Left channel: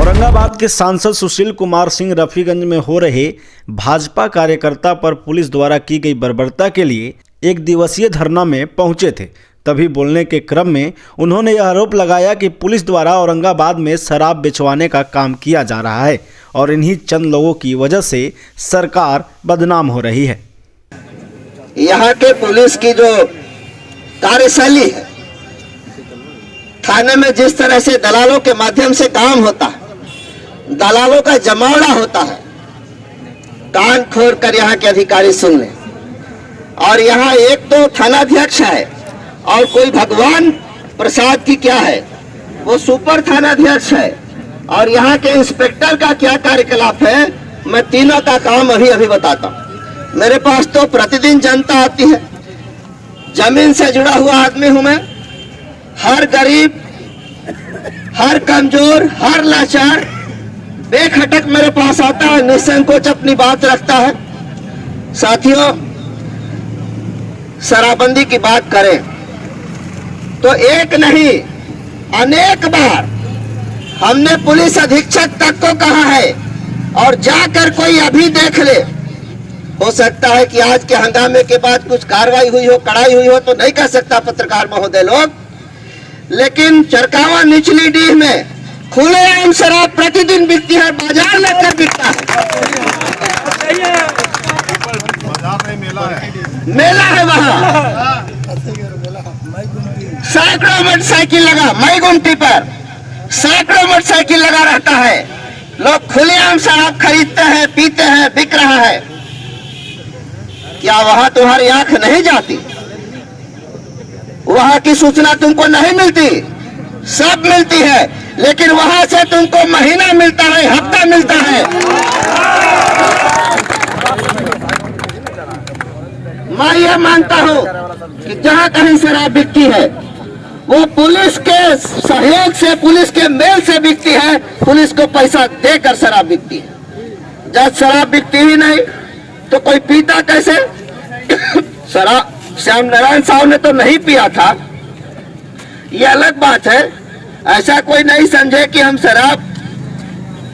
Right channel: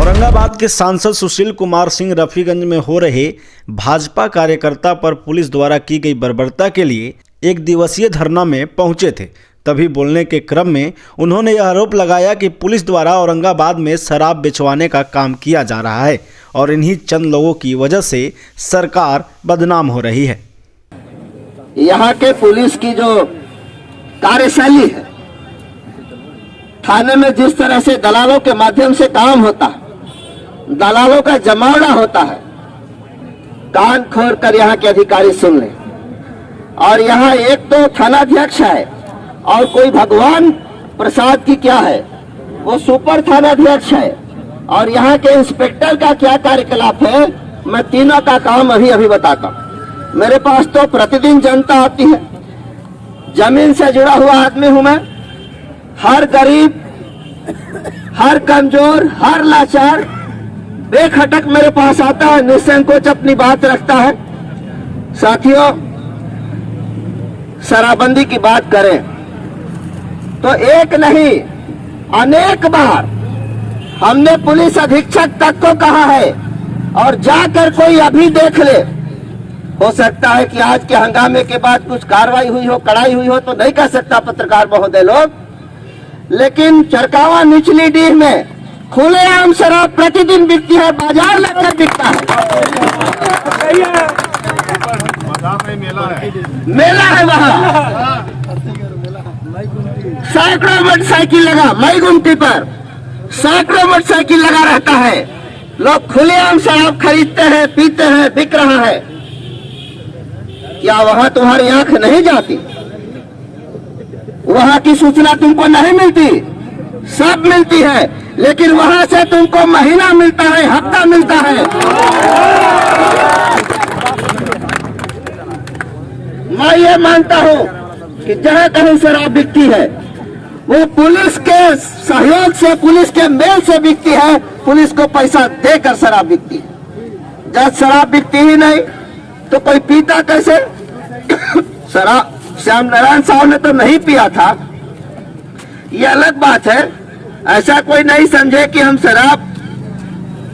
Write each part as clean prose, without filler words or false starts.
औरंगाबाद के सांसद सुशील कुमार सिंह रफीगंज में हो रहे भाजपा कार्यकर्ता पर पुलिस द्वारा की गई बर्बरता के लिए एक दिवसीय धरना में पहुंचे थे। तभी बोलने के क्रम में उन्होंने यह आरोप लगाया कि पुलिस द्वारा औरंगाबाद में शराब बेचवाने का काम किया जा रहा है और इन्हीं चंद लोगों की वजह से सरकार बदनाम हो रही है। यहाँ के पुलिस की जो कार्यशैली है, थाने में जिस तरह से दलालों के माध्यम से काम होता है, दलालों का जमावड़ा होता है, कान खोल कर यहाँ के अधिकारी सुन लें। और यहाँ एक तो थानाध्यक्ष है और कोई भगवान प्रसाद की क्या है, वो सुपर थानाध्यक्ष है। और यहाँ के इंस्पेक्टर का क्या कार्यकलाप है, मैं तीनों का काम अभी बताता हूँ। मेरे पास तो प्रतिदिन जनता आती है, जमीन से जुड़ा हुआ आदमी हूं मैं। हर गरीब, हर कमजोर, हर लाचार बेखटक मेरे पास आता है, निसंकोच अपनी बात रखता है। साथियों, शराबबंदी की बात करें तो एक नहीं अनेक बार हमने पुलिस अधीक्षक तक को कहा है, और जाकर कोई अभी देख ले। हो सकता है कि आज के हंगामे के बाद कुछ कार्रवाई हुई हो, कड़ाई हुई हो, तो नहीं कह सकता पत्रकार महोदय लोग, लेकिन चरकावा निचली डीह में खुलेआम शराब प्रतिदिन बिकती है, बाजार लगकर बिकता है। मेला है वहाँ, सैकड़ों मोटरसाइकिल लगा, मई गुमटी पर सैकड़ों मोटरसाइकिल लगा रहता है। लोग खुलेआम शराब खरीदते हैं, पीते हैं, बिक रहा है। क्या वहां तुम्हारी आंख नहीं जाती? वहां की सूचना तुमको नहीं मिलती? सब मिलती है, लेकिन वहां से तुमको महीना मिलता है, हफ्ता मिलता है। मैं ये मानता हूं कि जहां कहीं शराब बिकती है वो पुलिस के सहयोग से, पुलिस के मेल से बिकती है, पुलिस को पैसा देकर शराब बिकती है। जब शराब बिकती ही नहीं तो कोई पीता कैसे? शराब श्याम नारायण साहब ने तो नहीं पिया था, ये अलग बात है। ऐसा कोई नहीं समझे कि हम शराब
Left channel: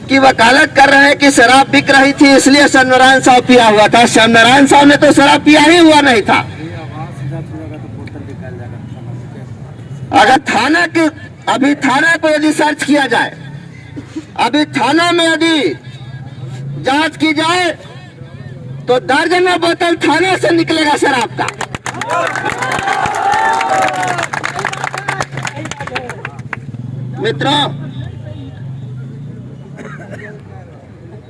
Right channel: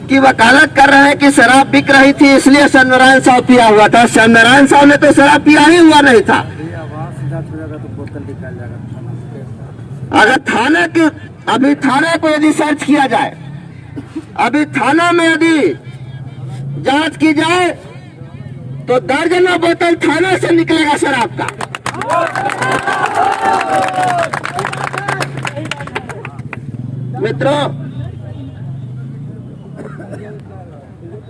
की वकालत कर रहे हैं कि शराब बिक रही थी इसलिए श्याम नारायण साहब पिया हुआ था। श्याम नारायण साहब ने तो शराब पिया ही हुआ नहीं था। अगर थाना की, अभी थाना को यदि सर्च किया जाए, अभी थाना में यदि जांच की जाए तो दर्जनों बोतल थाना से निकलेगा शराब का। मित्रों,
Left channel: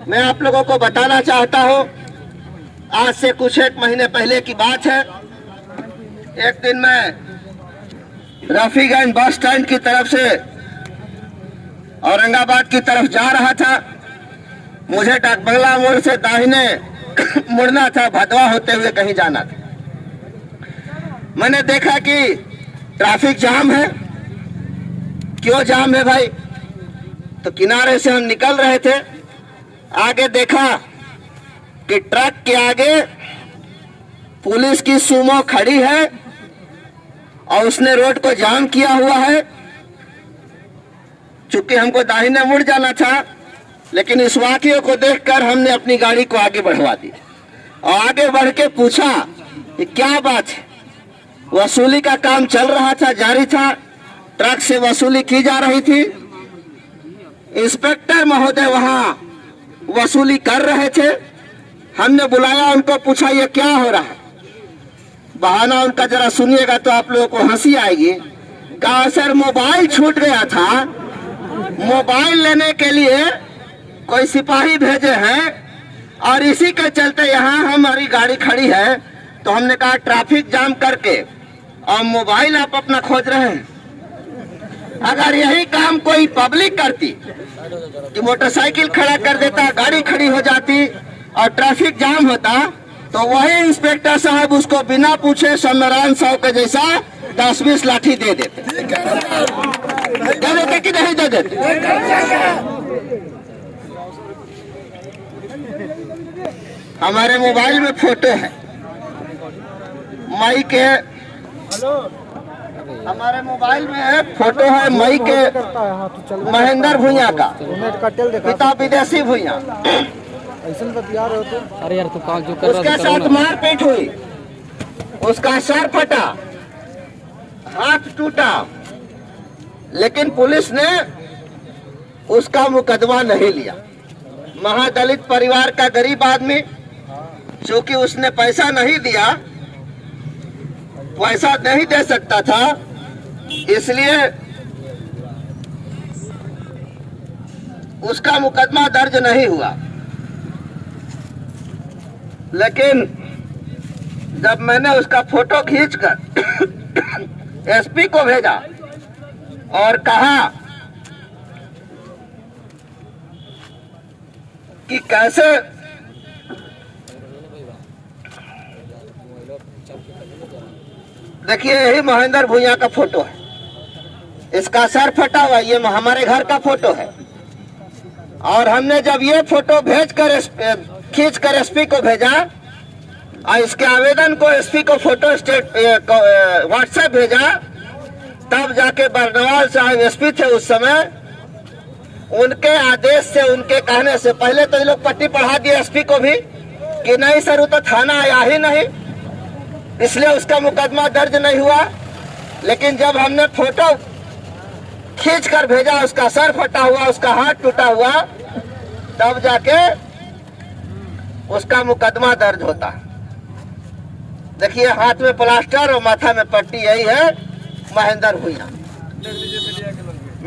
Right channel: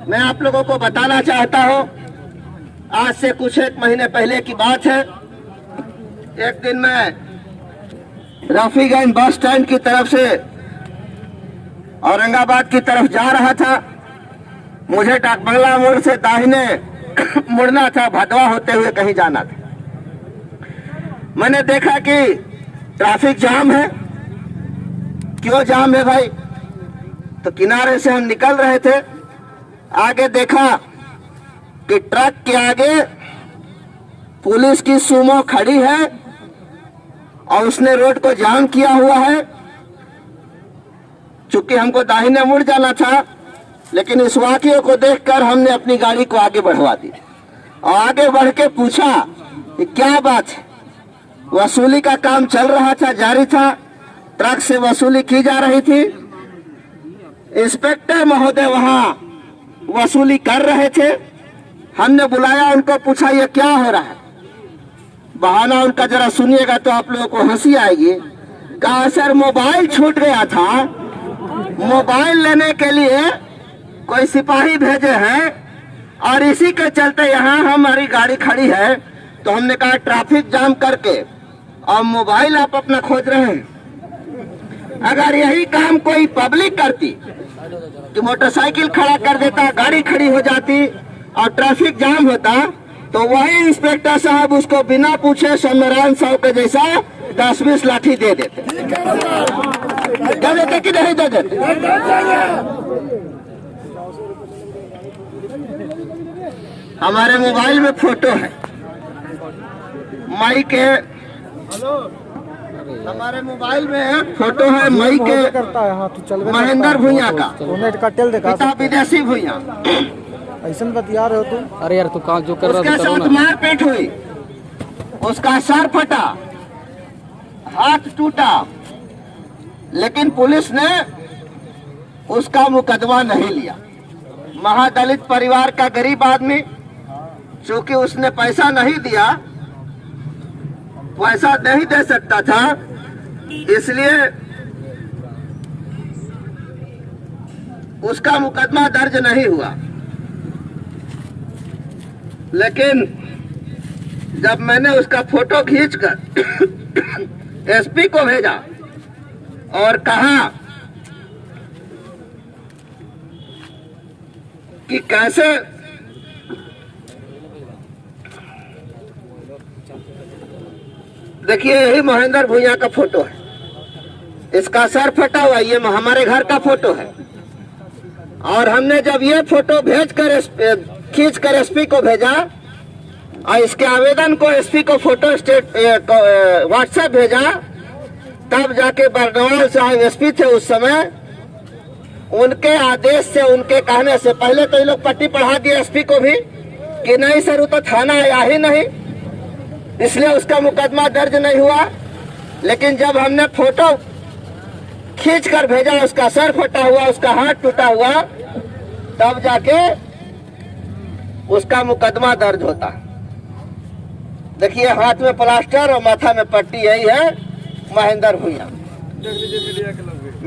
मैं आप लोगों को बताना चाहता हूं, आज से कुछ एक महीने पहले की बात है। एक दिन मैं रफीगंज बस स्टैंड की तरफ से औरंगाबाद की तरफ जा रहा था। मुझे डाक बंगला मोड़ से दाहिने मुड़ना था, भदवा होते हुए कहीं जाना था। मैंने देखा कि ट्रैफिक जाम है। क्यों जाम है भाई? तो किनारे से हम निकल रहे थे, आगे देखा कि ट्रक के आगे पुलिस की सुमो खड़ी है और उसने रोड को जाम किया हुआ है। चूंकि हमको दाहिने मुड़ जाना था, लेकिन इस वाकये को देखकर हमने अपनी गाड़ी को आगे बढ़वा दी और आगे बढ़ के पूछा कि क्या बात है। वसूली का काम चल रहा था, जारी था, ट्रक से वसूली की जा रही थी। इंस्पेक्टर महोदय वहां वसूली कर रहे थे। हमने बुलाया, उनको पूछा ये क्या हो रहा है। बहाना उनका जरा सुनिएगा तो आप लोगों को हंसी आएगी। कहा सर मोबाइल छूट गया था, मोबाइल लेने के लिए कोई सिपाही भेजे हैं और इसी के चलते यहाँ हमारी गाड़ी खड़ी है। तो हमने कहा ट्रैफिक जाम करके और मोबाइल आप अपना खोज रहे हैं। अगर यही काम कोई पब्लिक करती कि मोटरसाइकिल खड़ा कर देता, गाड़ी खड़ी हो जाती और ट्रैफिक जाम होता, तो वही इंस्पेक्टर साहब उसको बिना पूछे सत्यनारायण साहु के जैसा 10-20 लाठी दे देते कि नहीं दे देते। हमारे मोबाइल में फोटो है मई के, हमारे मोबाइल में है फोटो है मई के महेंद्र भुइयां का, पिता विदेशी भुइयां। अरे यार तू काम जो कर रहा उसके साथ मारपीट हुई, उसका सर फटा, हाथ टूटा, लेकिन पुलिस ने उसका मुकदमा नहीं लिया। महादलित परिवार का गरीब आदमी, चूंकि उसने पैसा नहीं दिया, पैसा नहीं दे सकता था, इसलिए उसका मुकदमा दर्ज नहीं हुआ। लेकिन जब मैंने उसका फोटो खींचकर एसपी को भेजा और कहा कि कैसे देखिए, यही महेंद्र भुइयां का फोटो है, इसका सर फटा हुआ, ये हमारे घर का फोटो है। और हमने जब ये फोटो खींचकर एसपी को भेजा और इसके आवेदन को एसपी को फोटो स्टेट व्हाट्सएप भेजा, तब जाके बरनवाल साहब एसपी थे उस समय, उनके आदेश से, उनके कहने से, पहले तो ये लोग पट्टी पढ़ा दिए एसपी को भी कि नहीं सर वो तो थाना आया ही नहीं, इसलिए उसका मुकदमा दर्ज नहीं हुआ। लेकिन जब हमने फोटो खींच कर भेजा, उसका सर फटा हुआ, उसका हाथ टूटा हुआ, तब जाके उसका मुकदमा दर्ज होता। देखिए, हाथ में प्लास्टर और माथा में पट्टी, यही है महेंद्र भुइयां।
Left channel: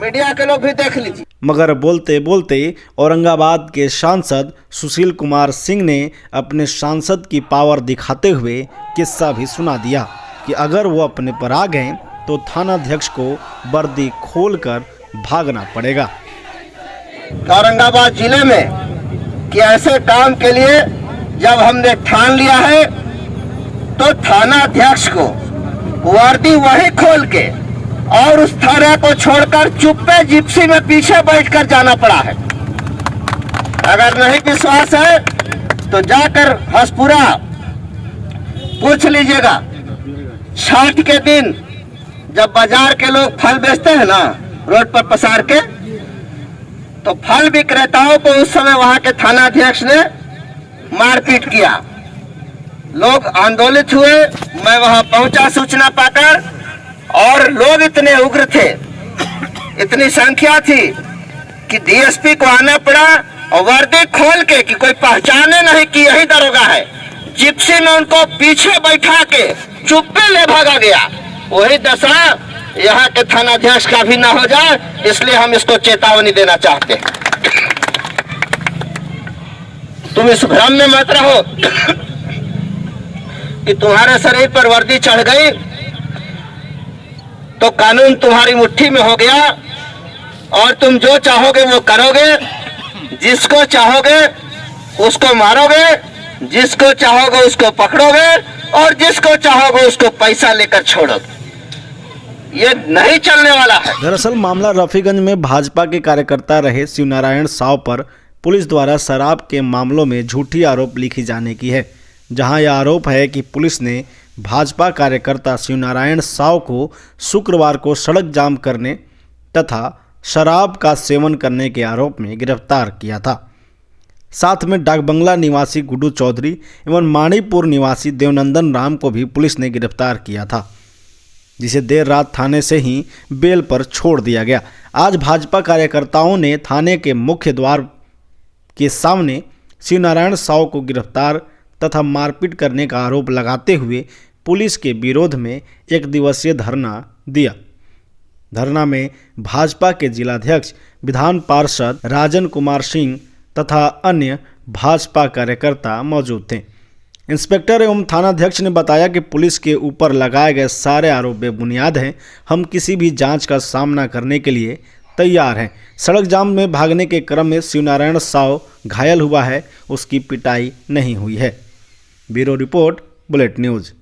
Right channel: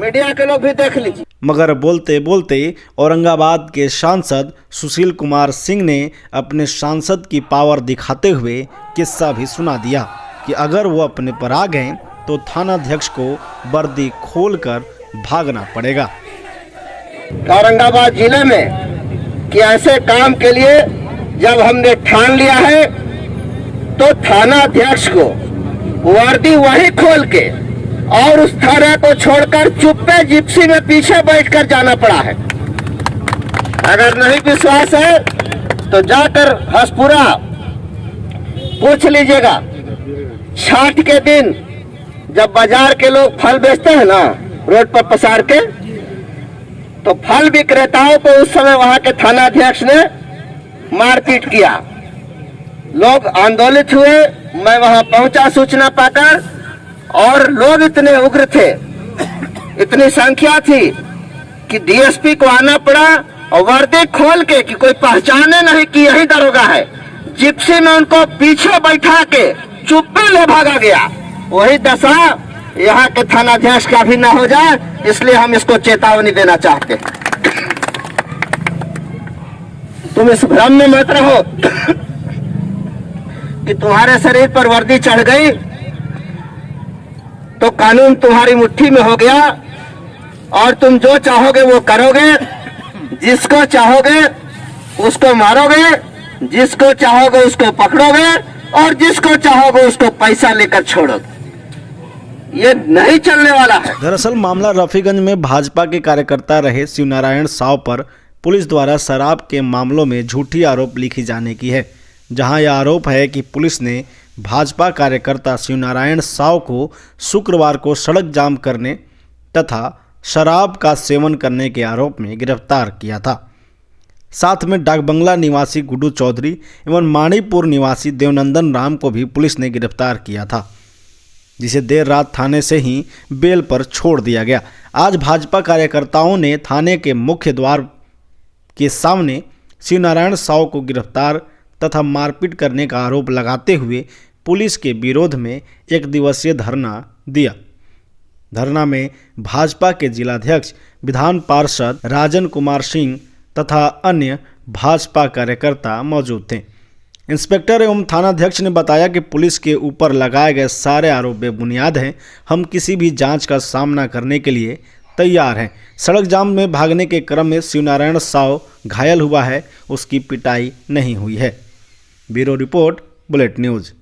मीडिया के लोग भी देख लीजिए। मगर बोलते बोलते औरंगाबाद के सांसद सुशील कुमार सिंह ने अपने सांसद की पावर दिखाते हुए किस्सा भी सुना दिया कि अगर वो अपने पर आ गए तो थानाध्यक्ष को वर्दी खोलकर भागना पड़ेगा। औरंगाबाद जिले में कि ऐसे काम के लिए जब हमने ठान लिया है तो थानाध्यक्ष को वर्दी वही खोल के और उस थाना को छोड़कर चुप्पे जिप्सी में पीछे बैठकर जाना पड़ा है। अगर नहीं विश्वास है तो जाकर हसपुरा पूछ लीजिएगा। छठ के दिन जब बाजार के लोग फल बेचते हैं ना, रोड पर पसार के, तो फल विक्रेताओं को उस समय वहां के थानाध्यक्ष ने मारपीट किया। लोग आंदोलित हुए, मैं वहां पहुंचा सूचना पाकर, और लोग इतने उग्र थे, इतनी संख्या थी कि डीएसपी को आना पड़ा और वर्दी खोल के, कि कोई पहचाने नहीं कि यही दरोगा है, जिप्सी में उनको पीछे बैठा के चुप्पे ले भागा गया। वही दशा यहाँ के थानाध्यक्ष का भी ना हो जाए, इसलिए हम इसको चेतावनी देना चाहते हैं। तुम इस भ्रम में मत रहो कि तुम्हारे शरीर पर वर्दी चढ़ गई तो कानून तुम्हारी मुट्ठी में हो गया और तुम जो चाहोगे वो करोगे, जिसको चाहोगे उसको मारोगे, जिसको चाहोगे उसको पकड़ोगे और जिसको चाहोगे उसको पैसा लेकर छोड़ोगे। ये नहीं चलने वाला है। दरअसल मामला रफीगंज में भाजपा के कार्यकर्ता रहे शिवनारायण साव पर पुलिस द्वारा शराब के मामलों में झूठी आरोप लिखी जाने की है, जहां यह आरोप है कि पुलिस ने भाजपा कार्यकर्ता शिवनारायण साव को शुक्रवार को सड़क जाम करने तथा शराब का सेवन करने के आरोप में गिरफ्तार किया था। साथ में डाकबंगला निवासी गुड्डू चौधरी एवं माणीपुर निवासी देवनंदन राम को भी पुलिस ने गिरफ्तार किया था, जिसे देर रात थाने से ही बेल पर छोड़ दिया गया। आज भाजपा कार्यकर्ताओं ने थाने के मुख्य द्वार के सामने शिवनारायण साव को गिरफ्तार तथा मारपीट करने का आरोप लगाते हुए पुलिस के विरोध में एक दिवसीय धरना दिया। धरना में भाजपा के जिलाध्यक्ष विधान पार्षद राजन कुमार सिंह तथा अन्य भाजपा कार्यकर्ता मौजूद थे। इंस्पेक्टर एवं थानाध्यक्ष ने बताया कि पुलिस के ऊपर लगाए गए सारे आरोप बेबुनियाद हैं। हम किसी भी जांच का सामना करने के लिए तैयार हैं। सड़क जाम में भागने के क्रम में शिवनारायण साव घायल हुआ है, उसकी पिटाई नहीं हुई है। Bureau report, bullet news.